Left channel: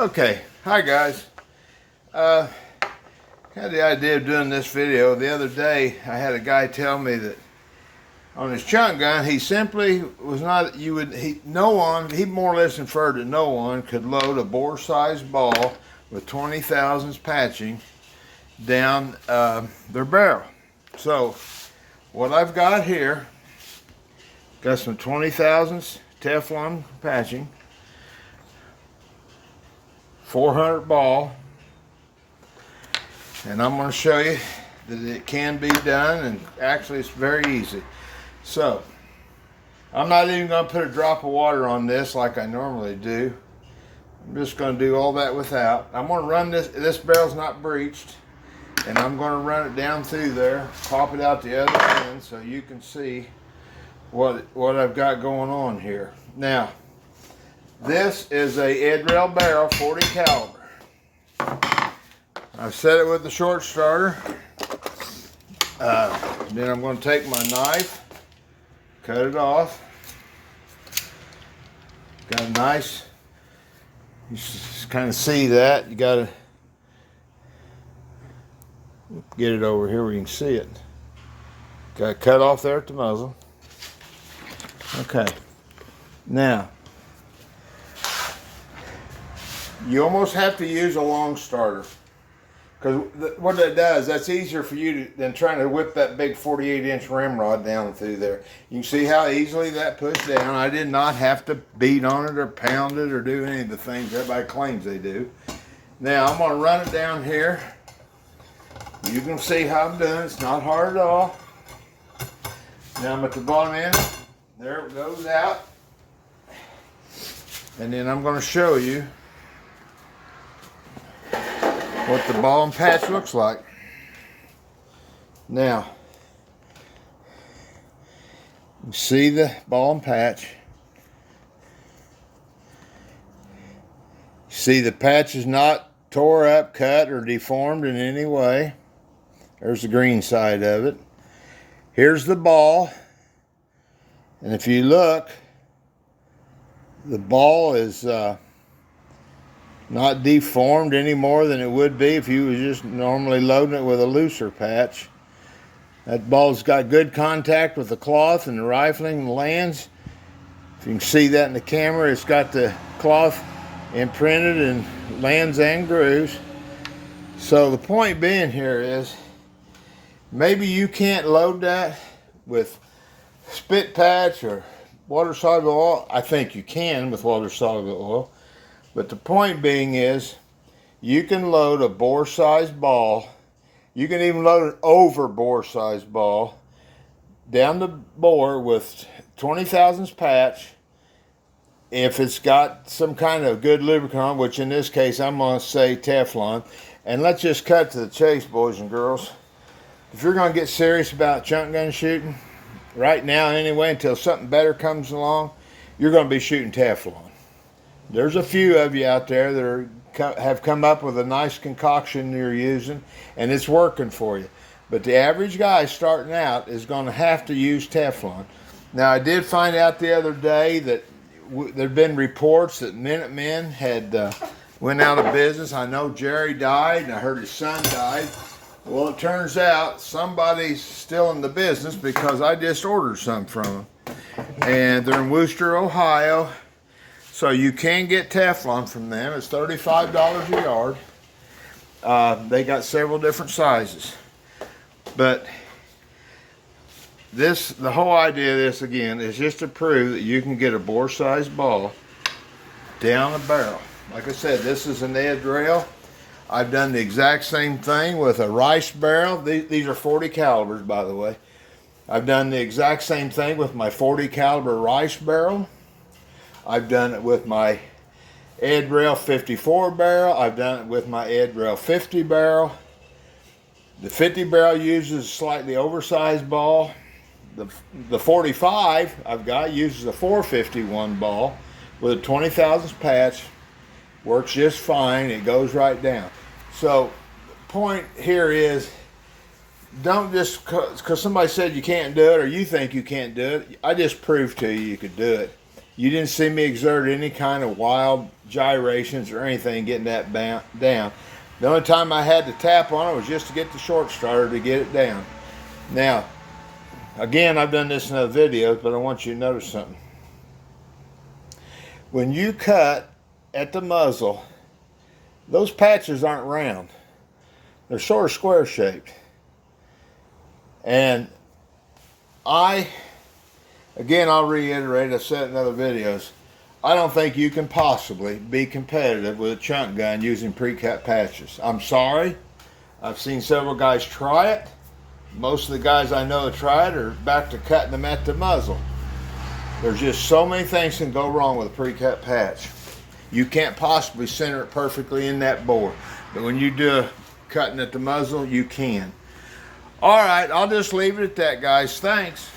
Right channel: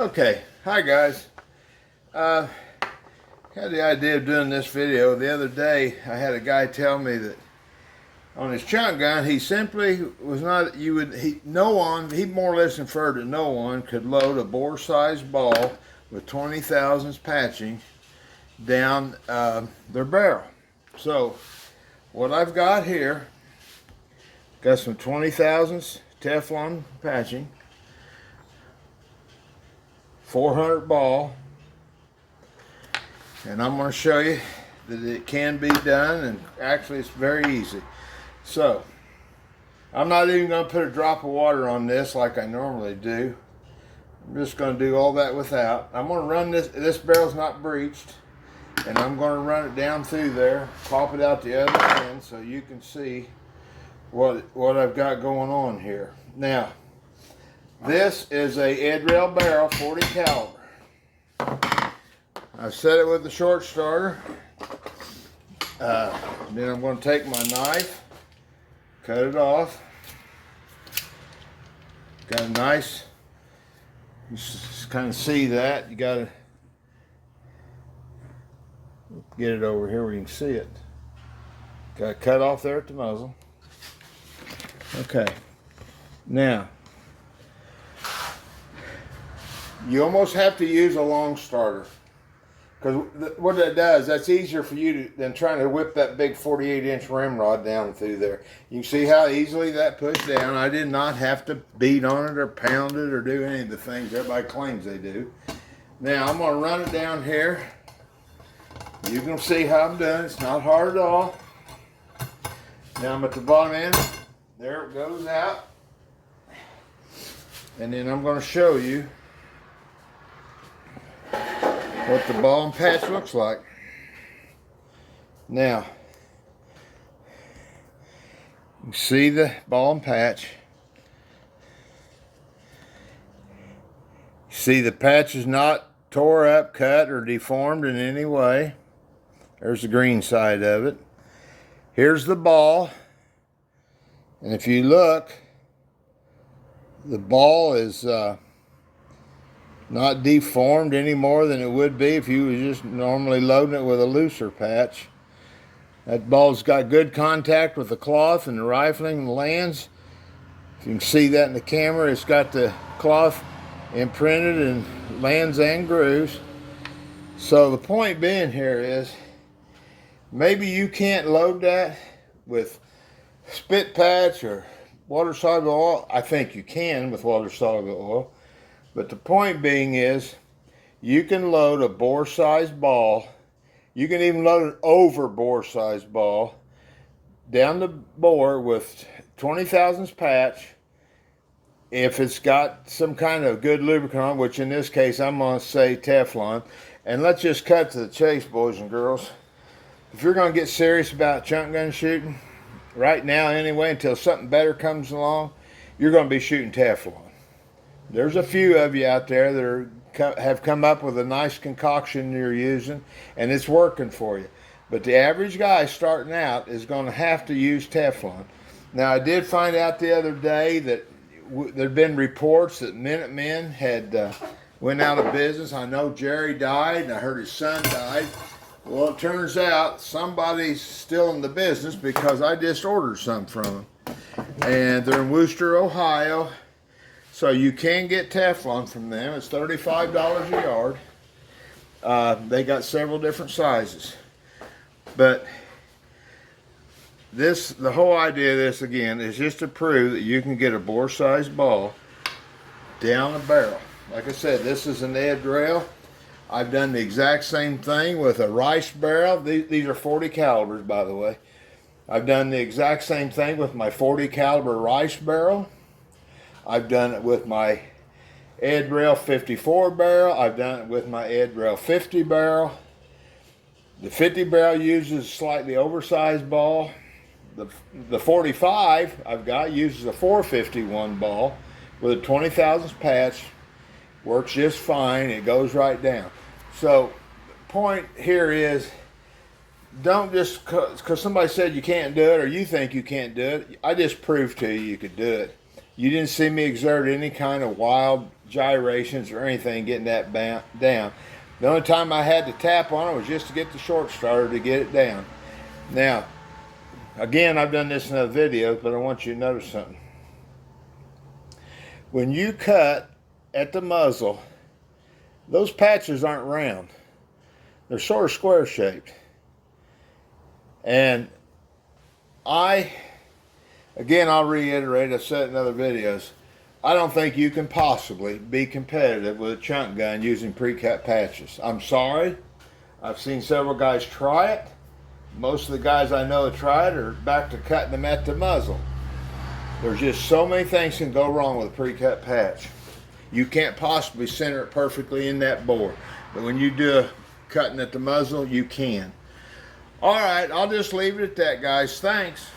Okay, hi guys. Had the idea of doing this video the other day. I had a guy tell me that on his chunk gun, he simply was not. No one. He more or less inferred that no one could load a bore-sized ball with 20 thousandths patching down their barrel. So, what I've got here, got some 20 thousandths Teflon patching. 400 ball, and I'm going to show you that it can be done, and actually it's very easy. So I'm not even going to put a drop of water on this like I normally do. I'm just going to do all that without. I'm going to run this barrel's not breached, and I'm going to run it down through there, pop it out the other end so you can see what I've got going on here. Now, this is a Ed Rail barrel, 40 caliber. I've set it with the short starter. Then I'm going to take my knife, cut it off. Got a nice, you kind of see that. You got to get it over here where you can see it. Got it cut off there at the muzzle. Okay. Now, you almost have to use a long starter, because what that does, that's easier for you than trying to whip that big 48-inch ramrod down through there. You can see how easily that pushed down. I did not have to beat on it or pound it or do any of the things everybody claims they do. Now I'm going to run it down here. You can see how I'm doing. It's not hard at all. Now I'm at the bottom end. There it goes out. And then I'm going to show you what the ball and patch looks like. Now, you see the ball and patch. You see the patch is not tore up, cut, or deformed in any way. There's the green side of it. Here's the ball. And if you look, the ball is not deformed any more than it would be if you was just normally loading it with a looser patch. That ball's got good contact with the cloth and the rifling and the lands. If you can see that in the camera, it's got the cloth imprinted in lands and grooves. So the point being here is, maybe you can't load that with spit patch or water-soluble oil. I think you can with water-soluble oil. But the point being is, you can load a bore-sized ball. You can even load an over bore-sized ball down the bore with 20 thousandths patch. If it's got some kind of good lubricant, which in this case I'm going to say Teflon. And let's just cut to the chase, boys and girls. If you're going to get serious about chunk gun shooting, right now anyway, until something better comes along, you're going to be shooting Teflon. There's a few of you out there that have come up with a nice concoction you're using, and it's working for you. But the average guy starting out is going to have to use Teflon. Now, I did find out the other day that there have been reports that Minutemen had went out of business. I know Jerry died, and I heard his son died. Well, it turns out somebody's still in the business, because I just ordered some from them. And they're in Wooster, Ohio. So you can get Teflon from them. It's $35 a yard. They got several different sizes. But the whole idea of this, again, is just to prove that you can get a bore-sized ball down a barrel. Like I said, this is an Ed Rail. I've done the exact same thing with a Rice barrel. These are 40 calibers, by the way. I've done the exact same thing with my 40 caliber Rice barrel. I've done it with my Ed Rail 54 barrel. I've done it with my Ed Rail 50 barrel. The 50 barrel uses a slightly oversized ball. The 45 I've got uses a 451 ball with a 20 thousandths patch. Works just fine. It goes right down. So the point here is, don't just because somebody said you can't do it, or you think you can't do it. I just proved to you could do it. You didn't see me exert any kind of wild gyrations or anything getting that down. The only time I had to tap on it was just to get the short starter to get it down. Now, again, I've done this in other videos, but I want you to notice something. When you cut at the muzzle, those patches aren't round. They're sort of square shaped. And again, I'll reiterate, I've said it in other videos, I don't think you can possibly be competitive with a chunk gun using pre-cut patches. I'm sorry. I've seen several guys try it. Most of the guys I know have tried are back to cutting them at the muzzle. There's just so many things can go wrong with a pre-cut patch. You can't possibly center it perfectly in that bore. But when you do cutting at the muzzle, you can. All right, I'll just leave it at that, guys. Thanks.